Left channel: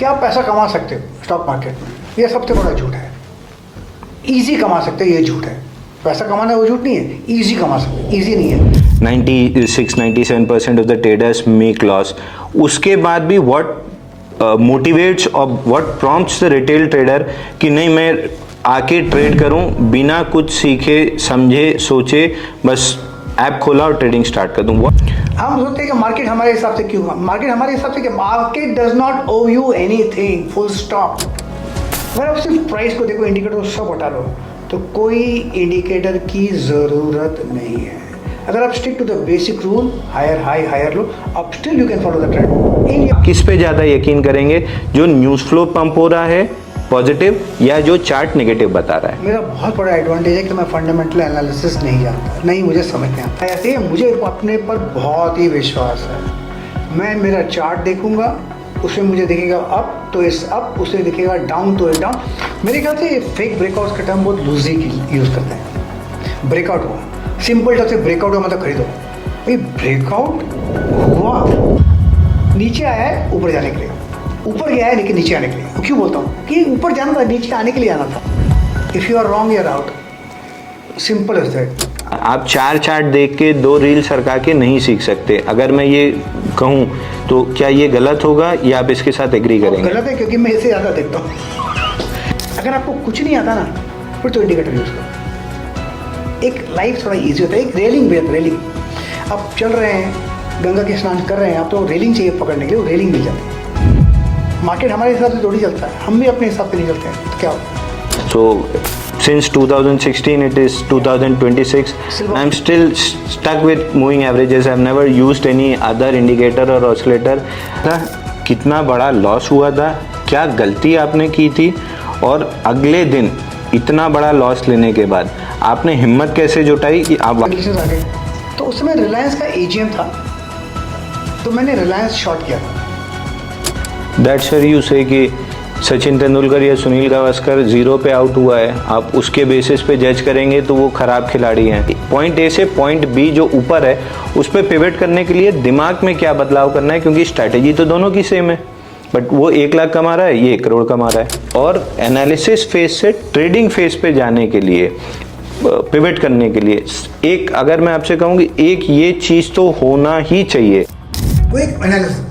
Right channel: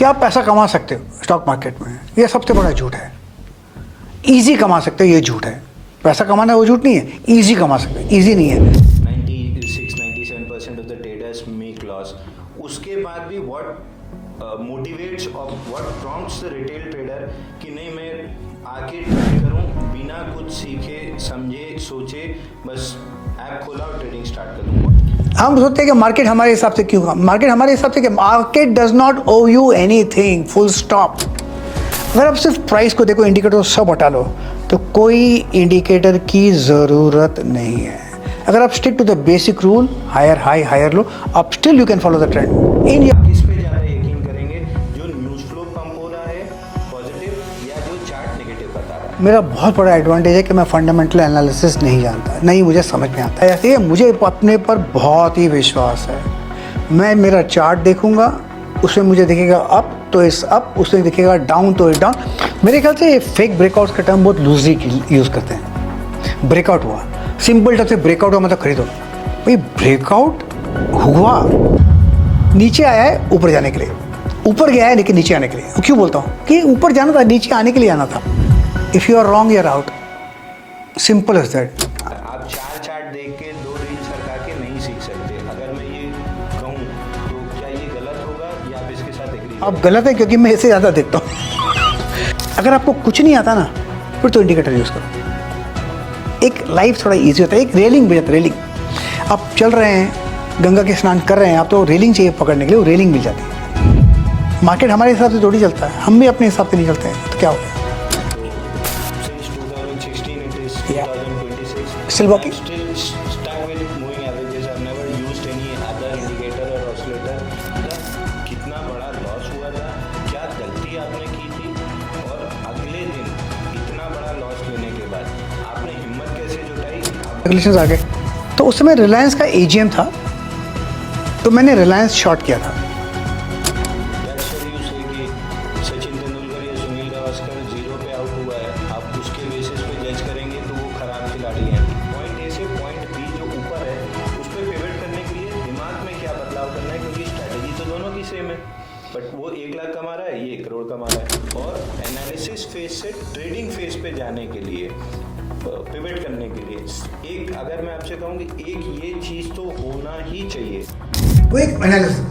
कि आप पैसा कमा सकते हो स्टॉक मार्केट में, ये सबसे बड़ा झूठ है। इजी कमा सकते हो, ये झूठ है। पैसा कमाना वो झूठ नहीं है, इजी कमा सकते हो, इजी नहीं है। 96-97% of the traders make loss. उसके बाद भी व्हाट मोटिवेट्स और what prompts the retail trader कि नहीं मैं आके ट्रेड करूं बिना कुछ सीखे समझे सोचे, बस ऐप खोला और ट्रेडिंग स्टार्ट कर दूं। हम सोचते हैं कि मार्केट हमारे हिसाब से क्यों, मार्केट हमारे हिसाब से कि market does not owe you anything, full stop. अगर आप सिर्फ प्राइस को देखो, इंडिकेटर सब हटा लो, तो कोई इंडिकेटर की ज़रूरत नहीं है। अगर आप stick to the basic rule, higher high higher low, आप still you can follow the trend. किस पे ज़्यादा यकीन करेंगे, जो न्यूज़ फ्लो पंप हो रहा है पॉजिटिव या जो चार्ट नेगेटिव बता रहा है? मेरा बहुत बड़ा एडवांटेज है कि मैं फंडामेंटल एनालिसिस नहीं जानता, नहीं मुझे समझ में आता है। ऐसे मुझे अपने पर बहुत ही विश्वास है। मैं मेरा चार्ट देखूंगा, उसमें मुझे दिखेगा अप तो इस अप, उसमें दिखेगा डाउन तो इस डाउन। मेरे ख्याल से फेक ब्रेकआउट्स का टर्म बहुत लूजली यूज़ करते हैं। ब्रेकआउट हुआ, सिंपल टर्म से ब्रेकआउट हुआ मतलब खरीदो। भाई ब्रेकआउट हुआ, नीचे आया है ऊपर जाने के लिए, ऊपर गया है लेकिन नीचे आने के लिए। वो क्यों बोलता हूँ कि ऊपर जाना था, नीचे आने के लिए आना था। If you are wrong, you are out, simple as that. आप 4 चार्ट देख के 2 रील सरका के नहीं सीख सकते। अगर मैं ये कहूँ तो क्या ये गलत होगा या आप इसके साथ एग्री करेंगे? गलत है, क्योंकि मैं इसे ज़्यादा देखता हूँ। अगर आपको कुछ नहीं आता ना, फिर तो इंडिकेटर यूज़ करो। एक लाइफ थोड़ा इजी होता है। एक रेलिंग भी है, रेलिंग। आप चल रहे हैं, गंगा के स्नान कर रहे हैं, आप तो रेलिंग चाहिए पकड़ने के लिए, वो रेलिंग मिल जाती है। मार्केट हमारे हिसाब से थोड़ी चलता है, हम भी अपने हिसाब से नहीं चलते हैं, तो क्या होगा? So since 2016 it is 2026, I'm still stuck with moving averages. I've never used any other indicator or oscillator. कितना बड़ा लॉस हुआ था, क्या गलती आपने की थी, और अगले दिन इतना बड़ा लॉस लेने के बाद आपने हिम्मत कैसे जुटाई कि आप आ गए? तो उस समय रिलायंस का एजीएम था, तो मैंने रिलायंस शॉर्ट किया था। दैट्स वेयर यू से कि सचिन तेंदुलकर या सुनील गावस्कर 0 पे आउट हुआ है, आप उसके बेसिस पे जज करेंगे तो वो खराब खिलाड़ी हैं। पॉइंट ए से पॉइंट बी जो ऊपर है उस पर पिवट करने के लिए दिमाग में क्या बदलाव करना है, क्योंकि स्ट्रैटेजी तो दोनों की सेम है, बट वो 1 लाख कमा रहा है, ये 1 करोड़ कमा रहा है। और एनालिसिस फेज से ट्रेडिंग फेज पे जाने के लिए, पिवट करने के लिए, एक अगर मैं आपसे कहूँ कि एक ये चीज़ तो होना ही चाहिए। वो एक एनालिसिस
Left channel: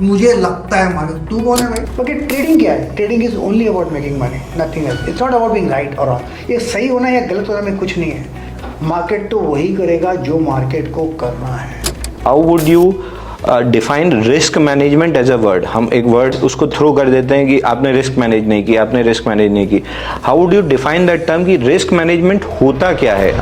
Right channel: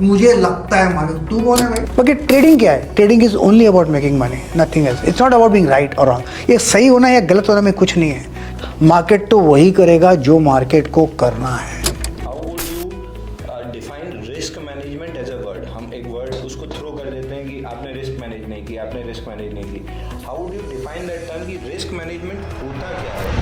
मुझे लगता है मानो, तू कौन है भाई? बाकी ट्रेडिंग क्या है? Trading is only about making money, nothing else. It's not about being right और रॉन्ग। ये सही होना या गलत होना में कुछ नहीं है। मार्केट तो वही करेगा जो मार्केट को करना है। How would you define risk management as a word? हम एक वर्ड उसको थ्रो कर देते हैं कि आपने रिस्क मैनेज नहीं की, आपने रिस्क मैनेज नहीं की। How would you define that term कि रिस्क मैनेजमेंट होता क्या है?